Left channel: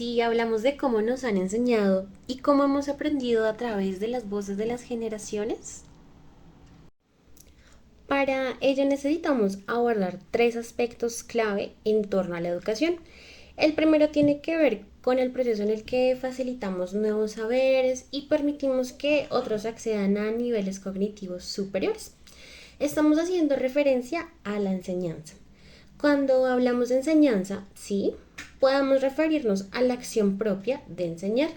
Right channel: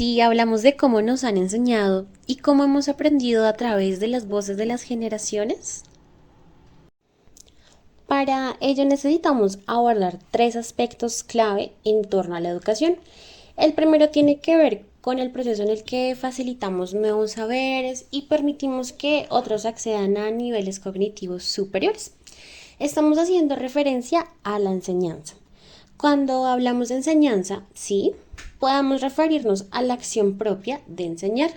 si hablamos de cómo nos han enseñado y cómo hemos aprendido a través de las voces de las generaciones? Para ello necesitamos abordar tres aspectos clave en torno a la educación. El primero tiene que ver con el proceso en el que facilitamos nuevos saberes y permitimos que otros accedan a niveles cognitivos superiores. Estamos haciendo referencia a la enseñanza. Cuando hablamos de enseñanza, sí, podemos referirnos a la acción propia de enseñar.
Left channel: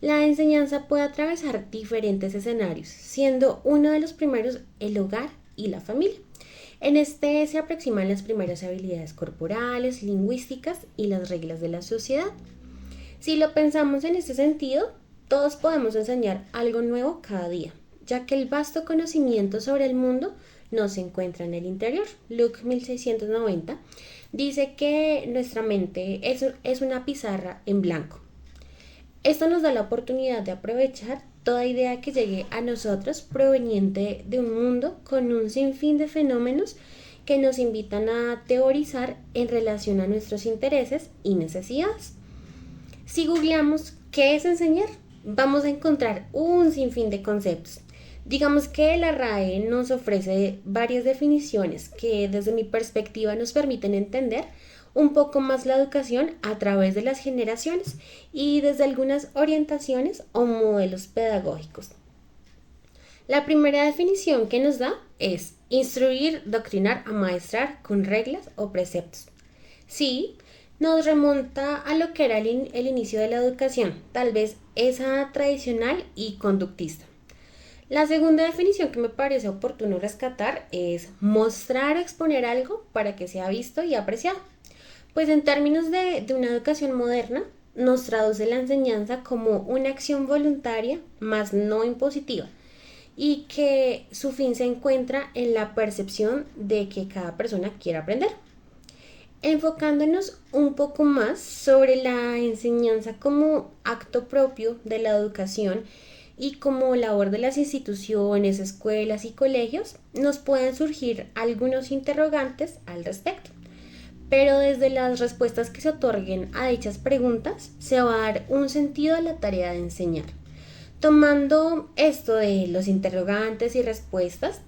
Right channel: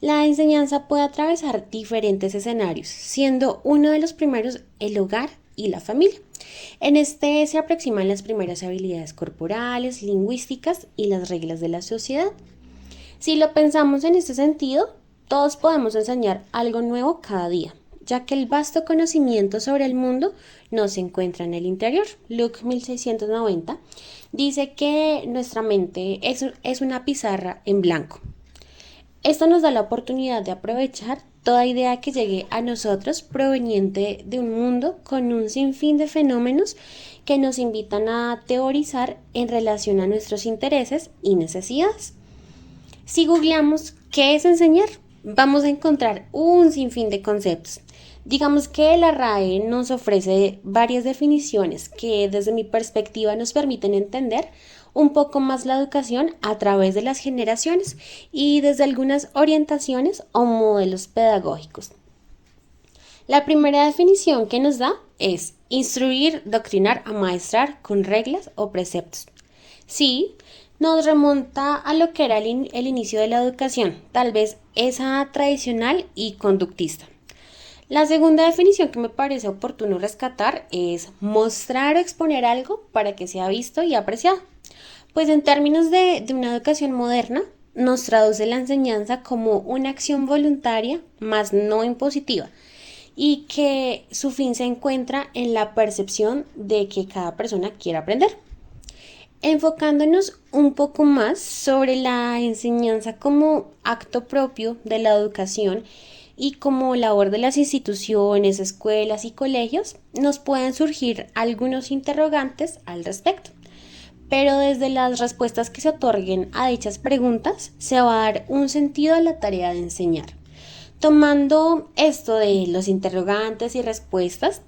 La enseñanza puede atravesar diferentes escenarios, siendo uno de los primeros el hogar y la familia. En este se aproximan las primeras habilidades corporales, lingüísticas y las reglas de la sociedad. Si lo pensamos en este sentido, todos podemos enseñar algo nuevo cada día, ya que el vasto conocimiento sobre el mundo no se encuentra en el interior. Luke 1690 dice que nuestra mente es una pizarra en blanco. Esto nos da la oportunidad de aprovechar toda idea que llegue a nosotros proveniente de un mundo con un sinfín de fenómenos que nos invitan a teorizar en relación a nuestros intereses y necesidades. Si googleamos qué es enseñar, vamos a encontrar un sinfín de conceptos. Digamos que la RAE nos ofrece varias definiciones que desde mi perspectiva nos permiten entender un poco más la educación a través de las generaciones y desde algunas orientaciones o modelos pedagógicos. La primera definición que nos da es instruir, doctrinar, amaestrar con reglas o preceptos. Sí, nos remonta a lo que era el inicio de la educación, tal vez esa tradicional y conductista. La segunda definición que me parece oportuno rescatar es mostrar o exponer algo para que sea visto y apreciado. Pues en términos de una educación moderna, nos traduce la enseñanza como una acción voluntaria, más no impositiva, y que su fin se encuentra en la percepción de que cada persona quiere aprender. Enfocándonos un poco más sobre la enseñanza como acto propio de la educación y como labor de las instituciones, escuelas y colegios, nos pueden surgir algunos interrogantes al respecto. Pero desde las respuestas que se otorguen a dichas preguntas se va a dar un sentido a la tarea de enseñar. Tomando esto de los interrogantes y respuestas,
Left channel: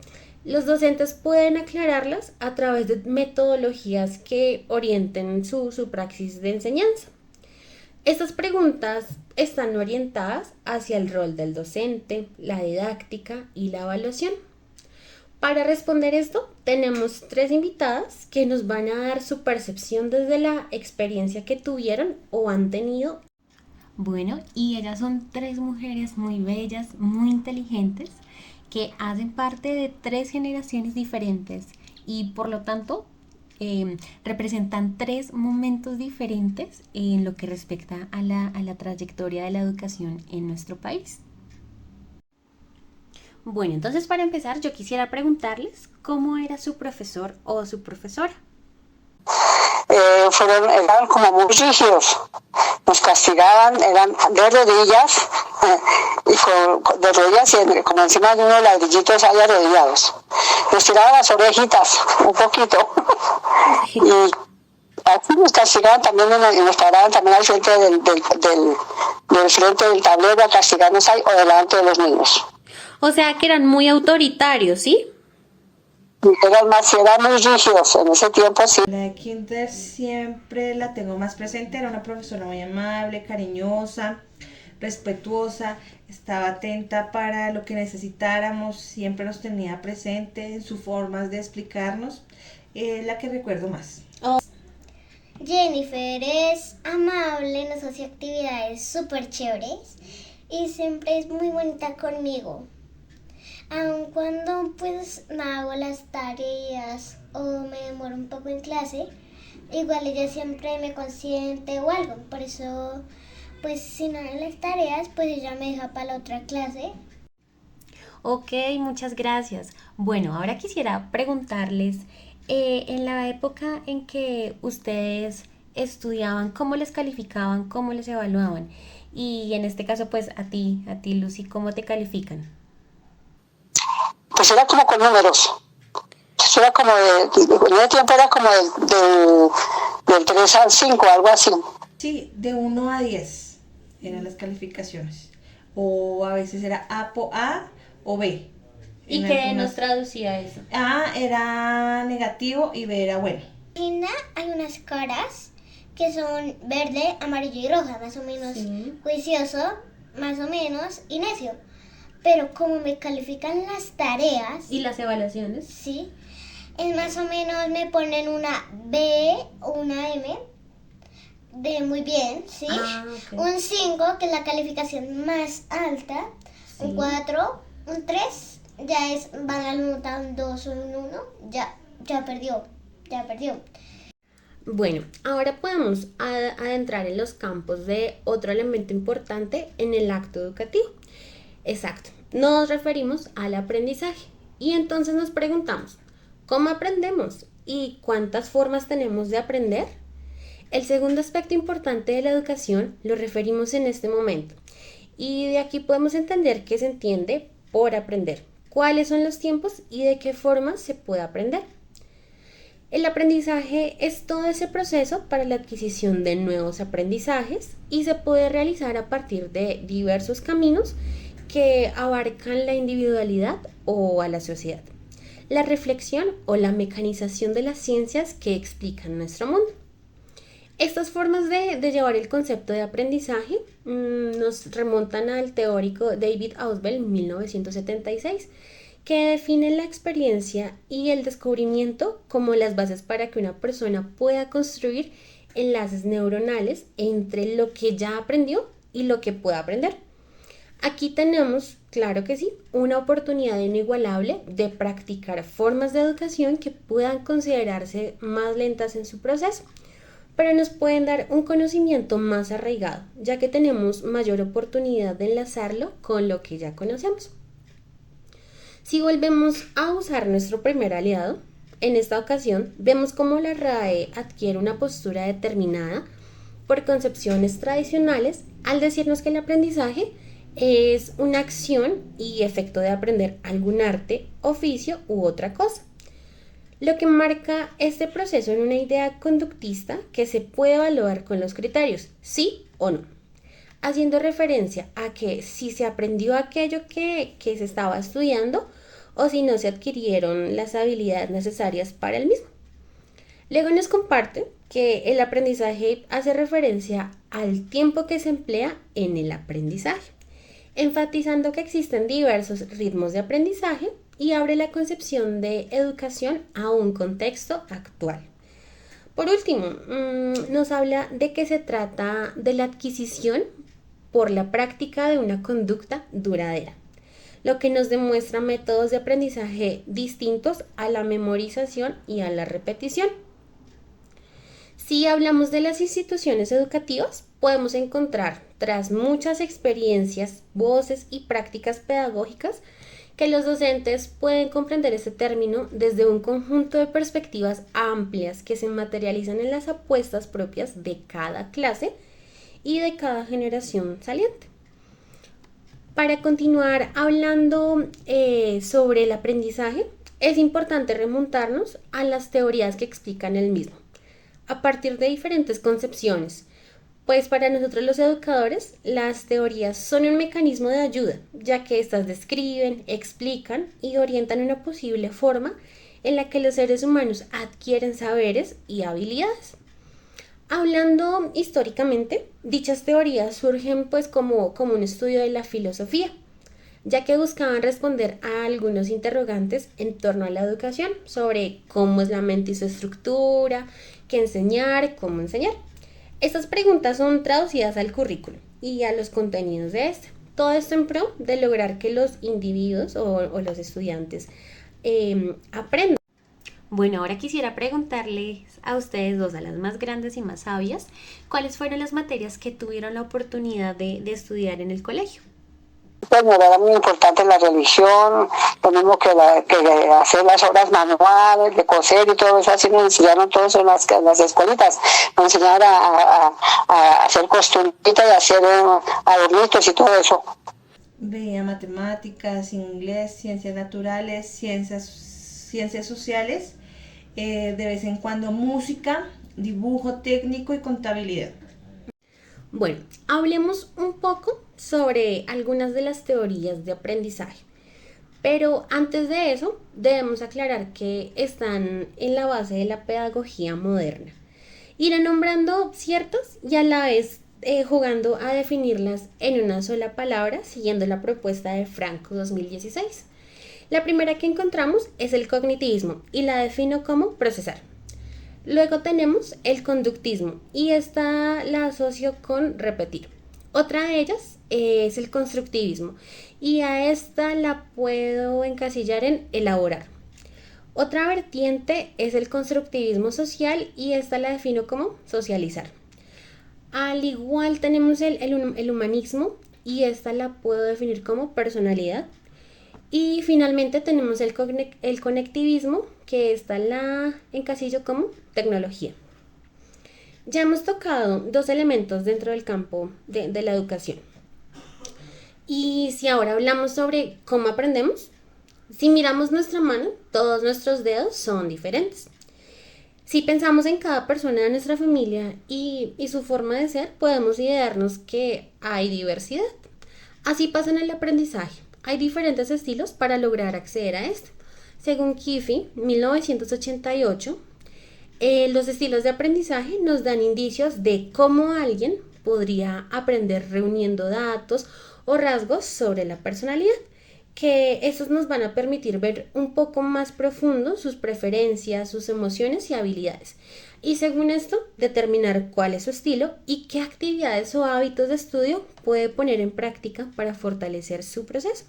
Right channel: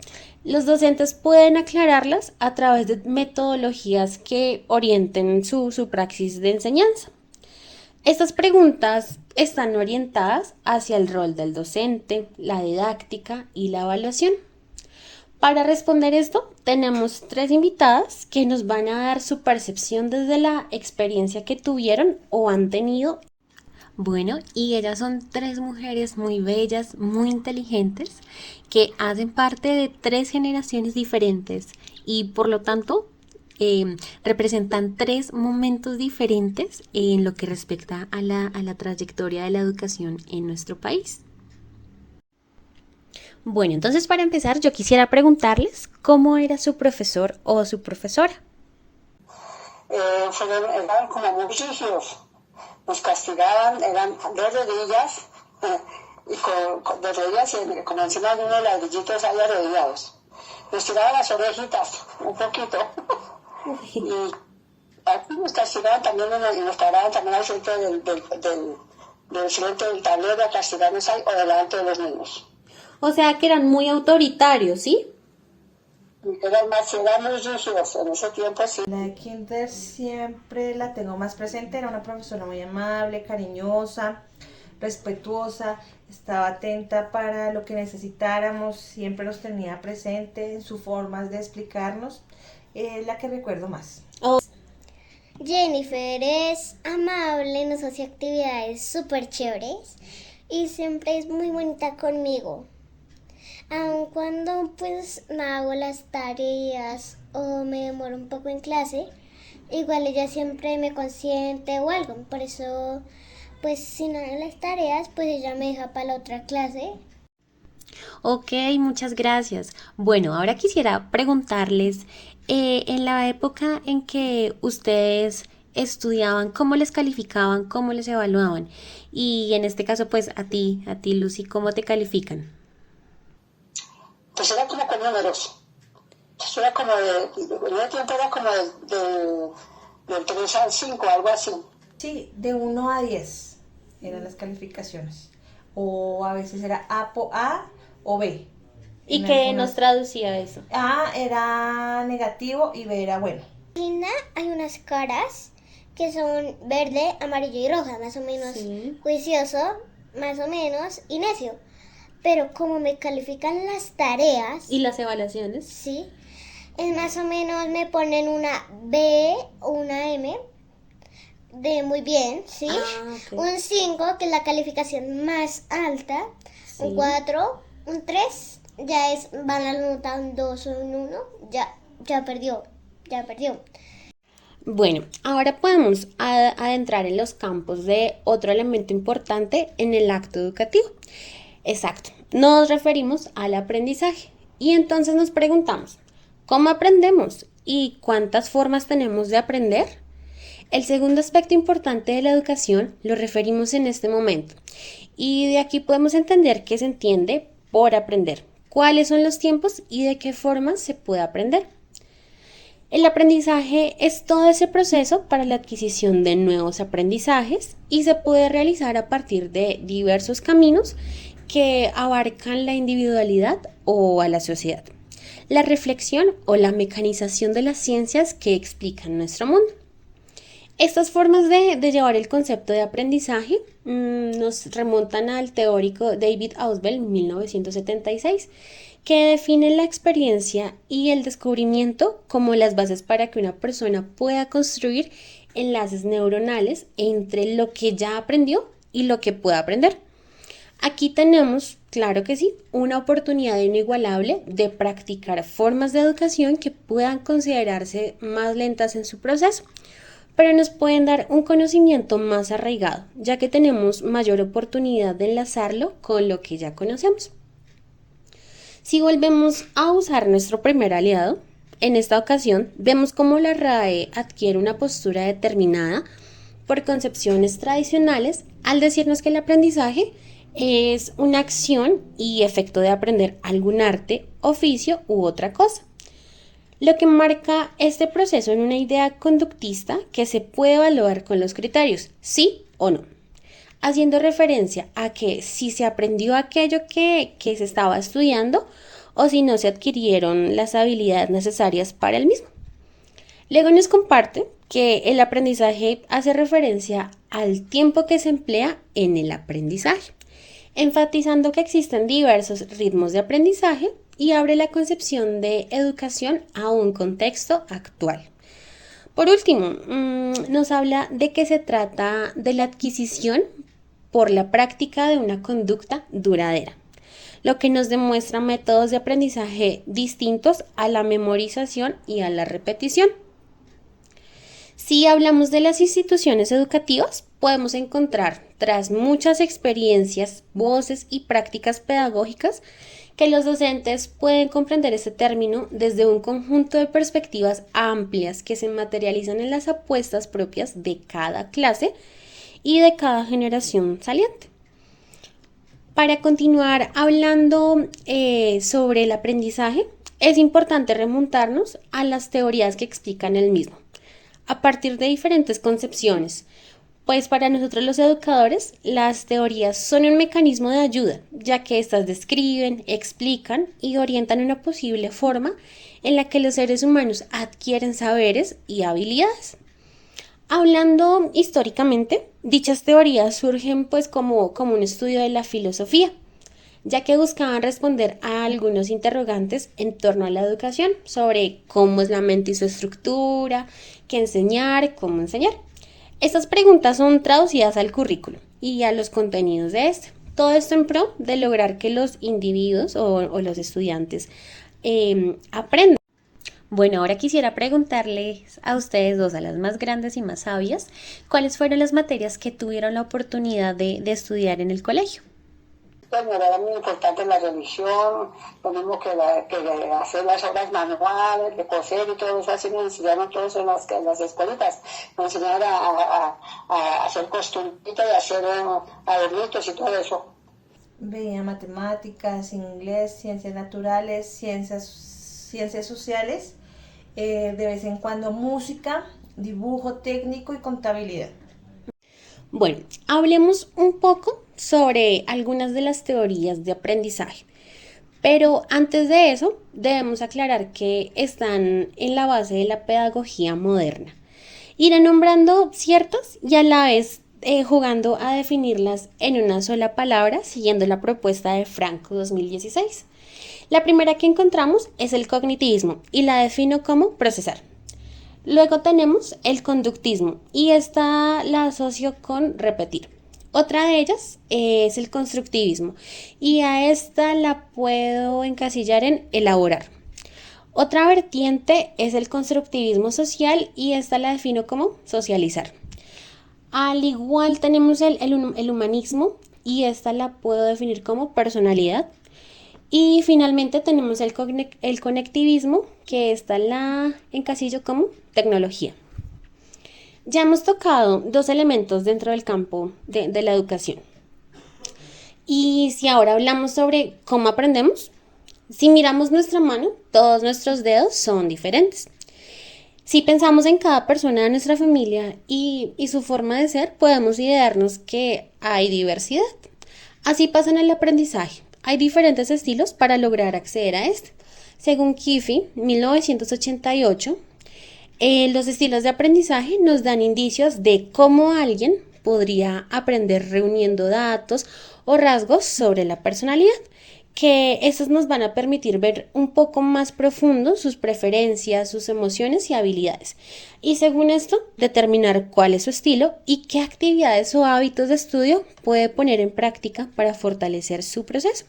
los docentes pueden aclararlas a través de metodologías que orienten su praxis de enseñanza. Estas preguntas están orientadas hacia el rol del docente, la didáctica y la evaluación. Para responder esto, tenemos tres invitadas que nos van a dar su percepción desde la experiencia que tuvieron o han tenido. Bueno, y ellas son tres mujeres muy bellas, muy inteligentes, que hacen parte de tres generaciones diferentes y por lo tanto representan tres momentos diferentes en lo que respecta a la trayectoria de la educación en nuestro país. Bueno, entonces para empezar yo quisiera preguntarles cómo era su profesor o su profesora. Eran como muy rígidos, nos castigaban, eran de rodillas, de rodillas y como encima de unos ladrillitos ahí arrodillados. Nos tiraban las orejitas un poquito y aquí nos castigaban también y nos paraban también al frente del frente del tablero a castigarnos ahí o delante de los niños. O sea que eran muy autoritarios, ¿sí? Eran muy rígidos en ese tiempo, sí. La de Kinder siempre la tengo más presente, era una profesora muy amable, cariñosa, respetuosa, estaba atenta para lo que necesitáramos, siempre nos tenía presente en sus formas de explicarnos, la que recuerdo más. Jennifer es amable, nos hace actividades súper chéveres y siempre es muy bonita conmigo. Aun cuando pues no hago las tareas o me demoro un poco en clase, igual ella siempre me consiente o algo. Por eso, pues si no hago las tareas, pues ella me deja para la otra clase. Ok, muchas gracias. Bueno, ahora quisiera preguntarles, en la época en que ustedes estudiaban, ¿cómo les calificaban, cómo les evaluaban? Y en este caso, pues a ti Lucy, ¿cómo te califican? Pues era como con números. Eso era como en ese tiempo era como del 3 al 5, algo así. Sí, de 1 a 10 eran las calificaciones. O a veces era A o B. ¿Y En qué nos algunas traducía eso? A era negativo y B era bueno. Linda, hay unas caras que son verde, amarillo y roja, más o menos Sí. juicioso, más o menos y necio. Pero como me califican las tareas, ¿Y las evaluaciones? sí, es más o menos me ponen una B o una M de muy bien, ¿sí? Ah, ok. Un 5 que es la calificación más alta, Sí. un 4, un 3 ya es, van a la nota un 2 o un 1, ya perdió, ya perdió. Bueno, ahora podemos adentrar en los campos de otro elemento importante en el acto educativo. Exacto, nos referimos al aprendizaje y entonces nos preguntamos, ¿cómo aprendemos y cuántas formas tenemos de aprender? El segundo aspecto importante de la educación lo referimos en este momento y de aquí podemos entender qué se entiende por aprender, cuáles son los tiempos y de qué forma se puede aprender. El aprendizaje es todo ese proceso para la adquisición de nuevos aprendizajes y se puede realizar a partir de diversos caminos que abarcan la individualidad o a la sociedad, la reflexión o la mecanización de las ciencias que explican nuestro mundo. Estas formas de llevar el concepto de aprendizaje nos remontan al teórico David Ausubel 1976, que define la experiencia y el descubrimiento como las bases para que una persona pueda construir enlaces neuronales entre lo que ya aprendió y lo que pueda aprender. Aquí tenemos, claro que sí, una oportunidad inigualable de practicar formas de educación que puedan considerarse más lentas en su proceso, pero nos pueden dar un conocimiento más arraigado, ya que tenemos mayor oportunidad de enlazarlo con lo que ya conocemos. Si volvemos a usar nuestro primer aliado, en esta ocasión vemos cómo la RAE adquiere una postura determinada por concepciones tradicionales al decirnos que el aprendizaje es una acción y efecto de aprender algún arte, oficio u otra cosa. Lo que marca este proceso en una idea conductista que se puede evaluar con los criterios sí o no, haciendo referencia a que si se aprendió aquello que se estaba estudiando o si no se adquirieron las habilidades necesarias para el mismo. Luego nos comparte que el aprendizaje hace referencia al tiempo que se emplea en el aprendizaje, enfatizando que existen diversos ritmos de aprendizaje y abre la concepción de educación a un contexto actual. Por último, nos habla de que se trata de la adquisición por la práctica de una conducta duradera, lo que nos demuestra métodos de aprendizaje distintos a la memorización y a la repetición. Si hablamos de las instituciones educativas, podemos encontrar, tras muchas experiencias, voces y prácticas pedagógicas, que los docentes pueden comprender este término desde un conjunto de perspectivas amplias que se materializan en las apuestas propias de cada clase y de cada generación saliente. Para continuar hablando sobre el aprendizaje, es importante remontarnos a las teorías que explican el mismo, a partir de diferentes concepciones, pues para nosotros los educadores las teorías son un mecanismo de ayuda, ya que éstas describen, explican y orientan una posible forma en la que los seres humanos adquieren saberes y habilidades. Hablando históricamente, dichas teorías surgen pues como un estudio de la filosofía, ya que buscaban responder a algunos interrogantes en torno a la educación sobre cómo es la mente y su estructura, qué enseñar, cómo enseñar. Estas preguntas son traducidas al currículo y a los contenidos de este. Todo esto en pro de lograr que los individuos o los estudiantes aprendan. Bueno, ahora quisiera preguntarles a ustedes dos, a las más grandes y más sabias, ¿cuáles fueron las materias que tuvieron la oportunidad de estudiar en el colegio? Bueno, era muy importante la religión, lo mismo que hacer las obras manuales, de coser y todo eso, así me enseñaron todo eso en las escuelitas. Me enseñaron a hacer costuritas y a hacer adornitos y todo eso. Veía matemáticas, inglés, ciencias naturales, ciencias sociales, de vez en cuando música, dibujo técnico y contabilidad. Bueno, hablemos un poco sobre algunas de las teorías de aprendizaje. Pero antes de eso, debemos aclarar que están en la base de la pedagogía moderna. Iré nombrando ciertas y a la vez jugando a definirlas en una sola palabra, siguiendo la propuesta de Franco 2016. La primera que encontramos es el cognitivismo y la defino como procesar. Luego tenemos el conductismo y esta la asocio con repetir. Otra de ellas es el constructivismo y a esta la puedo encasillar en elaborar. Otra vertiente es el constructivismo social y esta la defino como socializar. Al igual tenemos el humanismo y esta la puedo definir como personalidad. Y finalmente tenemos el conectivismo, que esta la encasillo como tecnología. Ya hemos tocado dos elementos dentro del campo de la educación. Y si ahora hablamos sobre cómo aprendemos, si miramos nuestra mano, todos nuestros dedos son diferentes. Si pensamos en cada persona de nuestra familia y su forma de ser, podemos idearnos que hay diversidad. Así pasa en el aprendizaje. Hay diferentes estilos para lograr acceder a este. Según Kiffey, 1988, los estilos de aprendizaje nos dan indicios de cómo alguien podría aprender reuniendo datos o rasgos sobre la personalidad, que estos nos van a permitir ver un poco más profundo sus preferencias, sus emociones y habilidades. Y según esto, determinar cuál es su estilo y qué actividades o hábitos de estudio puede poner en práctica para fortalecer su proceso.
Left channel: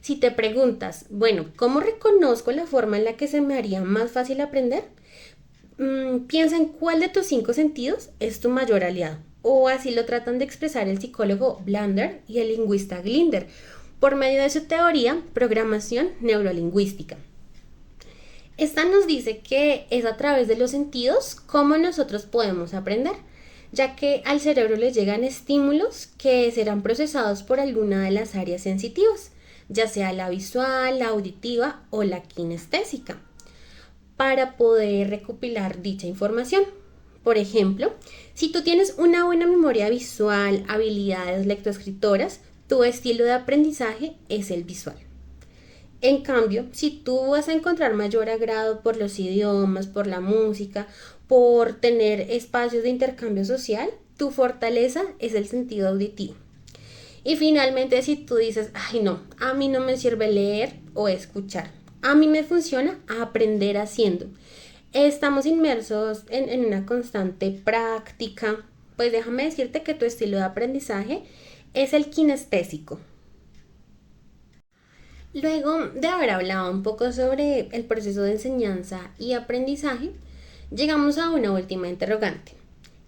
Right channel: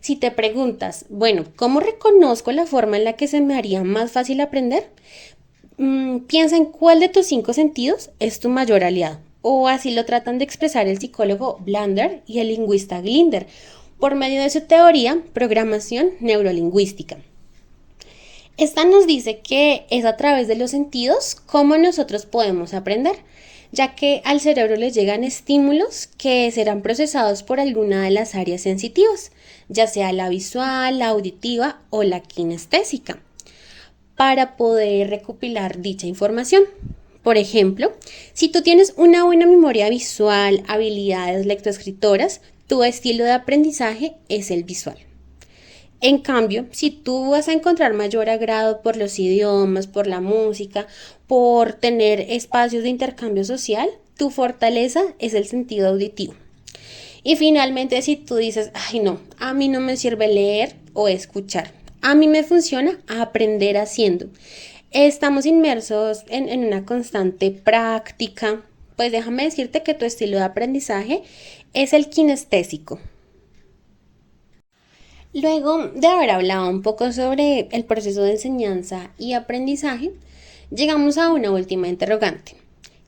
Si te preguntas, bueno, ¿cómo reconozco la forma en la que se me haría más fácil aprender? Piensa en cuál de tus 5 sentidos es tu mayor aliado. O así lo tratan de expresar el psicólogo Blander y el lingüista Glinder, por medio de su teoría programación neurolingüística. Esta nos dice que es a través de los sentidos cómo nosotros podemos aprender, ya que al cerebro le llegan estímulos que serán procesados por alguna de las áreas sensitivas, ya sea la visual, la auditiva o la kinestésica, para poder recopilar dicha información. Por ejemplo, si tú tienes una buena memoria visual, habilidades lectoescritoras, tu estilo de aprendizaje es el visual. En cambio, si tú vas a encontrar mayor agrado por los idiomas, por la música, por tener espacios de intercambio social, tu fortaleza es el sentido auditivo. Y finalmente, si tú dices, ay no, a mí no me sirve leer o escuchar, a mí me funciona aprender haciendo. Estamos inmersos en una constante práctica, pues déjame decirte que tu estilo de aprendizaje es el kinestésico. Luego de haber hablado un poco sobre el proceso de enseñanza y aprendizaje, llegamos a una última interrogante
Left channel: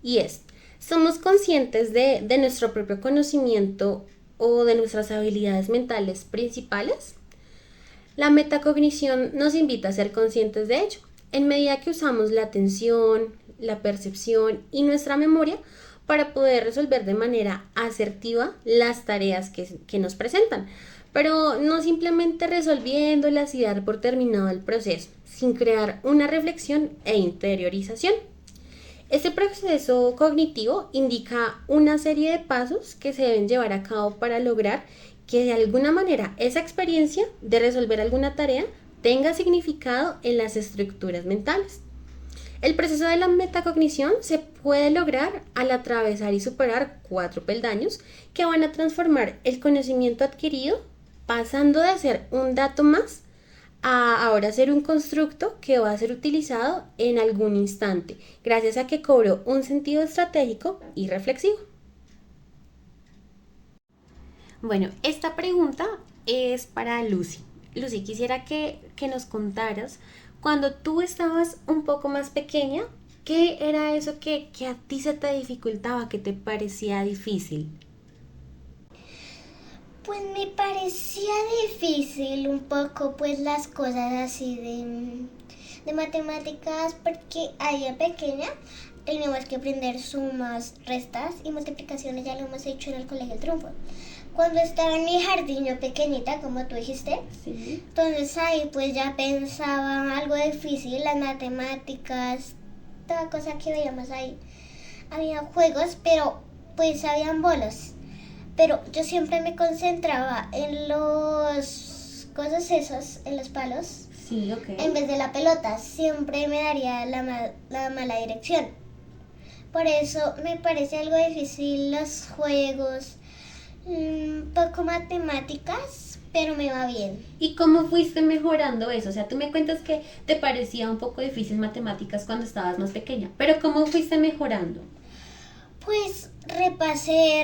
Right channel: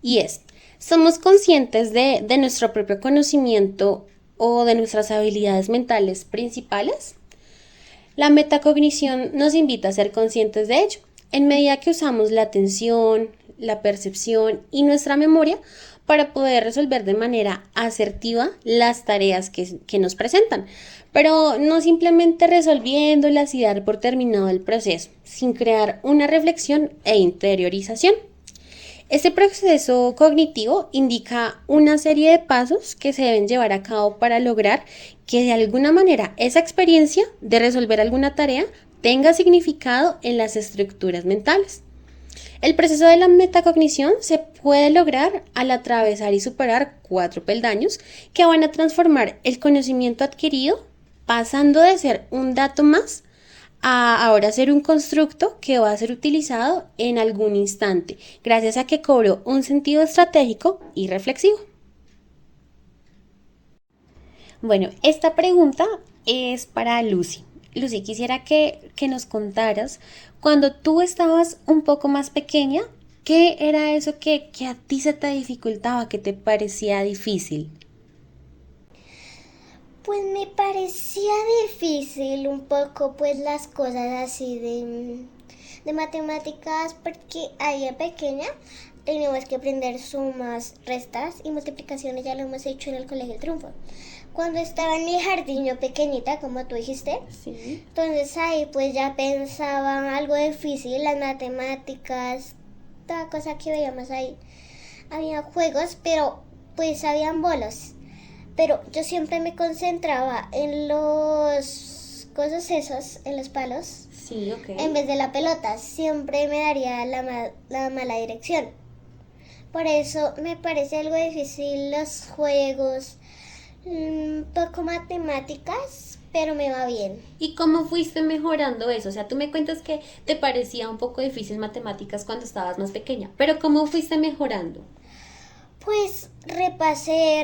y es, ¿somos conscientes de nuestro propio conocimiento o de nuestras habilidades mentales principales? La metacognición nos invita a ser conscientes de ello, en medida que usamos la atención, la percepción y nuestra memoria para poder resolver de manera asertiva las tareas que nos presentan, pero no simplemente resolviéndolas y dar por terminado el proceso, sin crear una reflexión e interiorización. Este proceso cognitivo indica una serie de pasos que se deben llevar a cabo para lograr que de alguna manera esa experiencia de resolver alguna tarea tenga significado en las estructuras mentales. El proceso de la metacognición se puede lograr al atravesar y superar 4 peldaños que van a transformar el conocimiento adquirido, pasando de ser un dato más a ahora ser un constructo que va a ser utilizado en algún instante, gracias a que cobró un sentido estratégico y reflexivo. Bueno, esta pregunta es para Lucy. Lucy, quisiera que nos contaras, cuando tú estabas un poco más pequeña, ¿qué era eso que a ti se te dificultaba, que te parecía difícil? Pues me parecía difícil un poco pues las cosas así de matemáticas, porque ahí en pequeña teníamos que aprender sumas, restas y multiplicaciones, ya lo hemos hecho en el Colegio El Triunfo. Cuando estaba en mi jardín yo pequeñita, como tú dijiste, Sí. entonces ahí pues ya pensaba algo difícil, las matemáticas, toda cosa que veíamos ahí. Había juegos, pero pues habían bolos, pero yo siempre me concentraba en los cosas esos, en los palos, Sí, ok. en vez de la pelota. Siempre me daría la mala dirección. Por eso me parece algo difícil los juegos, un poco matemáticas, pero me va bien. ¿Y cómo fuiste mejorando eso? O sea, tú me cuentas que te parecía un poco difícil matemáticas cuando estabas más pequeña, pero ¿cómo fuiste mejorando? Pues repasé.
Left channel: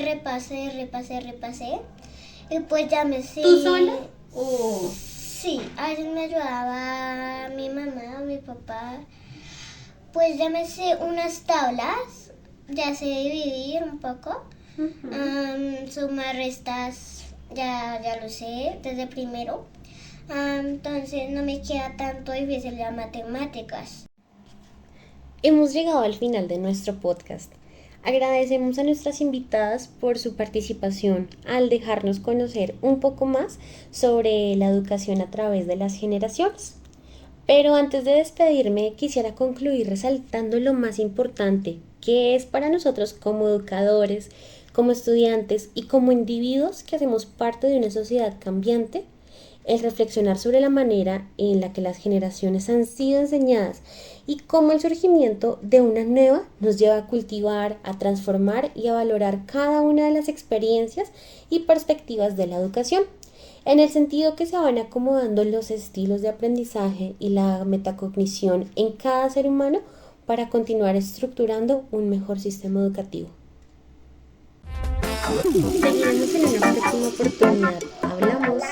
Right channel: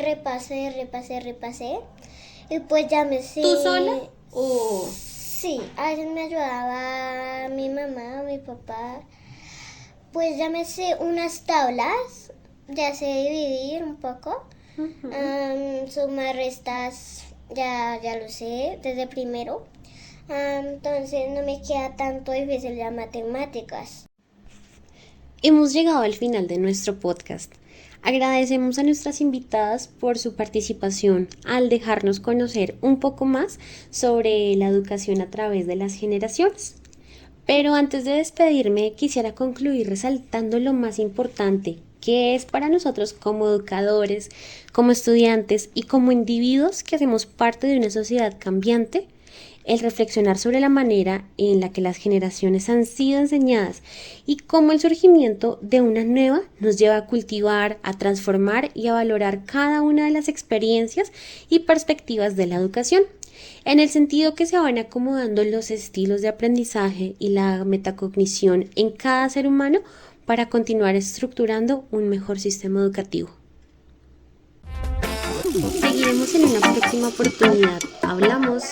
Y pues ya me sé. ¿Tú sola? ¿O Sí, a veces me ayudaba mi mamá o mi papá. Pues ya me sé unas tablas, ya sé dividir un poco. Sumar, restas, ya lo sé desde primero. Entonces no me queda tanto difícil las matemáticas. hemos llegado al final de nuestro podcast? Agradecemos a nuestras invitadas por su participación al dejarnos conocer un poco más sobre la educación a través de las generaciones. Pero antes de despedirme, quisiera concluir resaltando lo más importante que es para nosotros como educadores, como estudiantes y como individuos que hacemos parte de una sociedad cambiante, el reflexionar sobre la manera en la que las generaciones han sido enseñadas y cómo el surgimiento de una nueva nos lleva a cultivar, a transformar y a valorar cada una de las experiencias y perspectivas de la educación, en el sentido que se van acomodando los estilos de aprendizaje y la metacognición en cada ser humano para continuar estructurando un mejor sistema educativo. Seguiremos en una próxima oportunidad. Hablamos.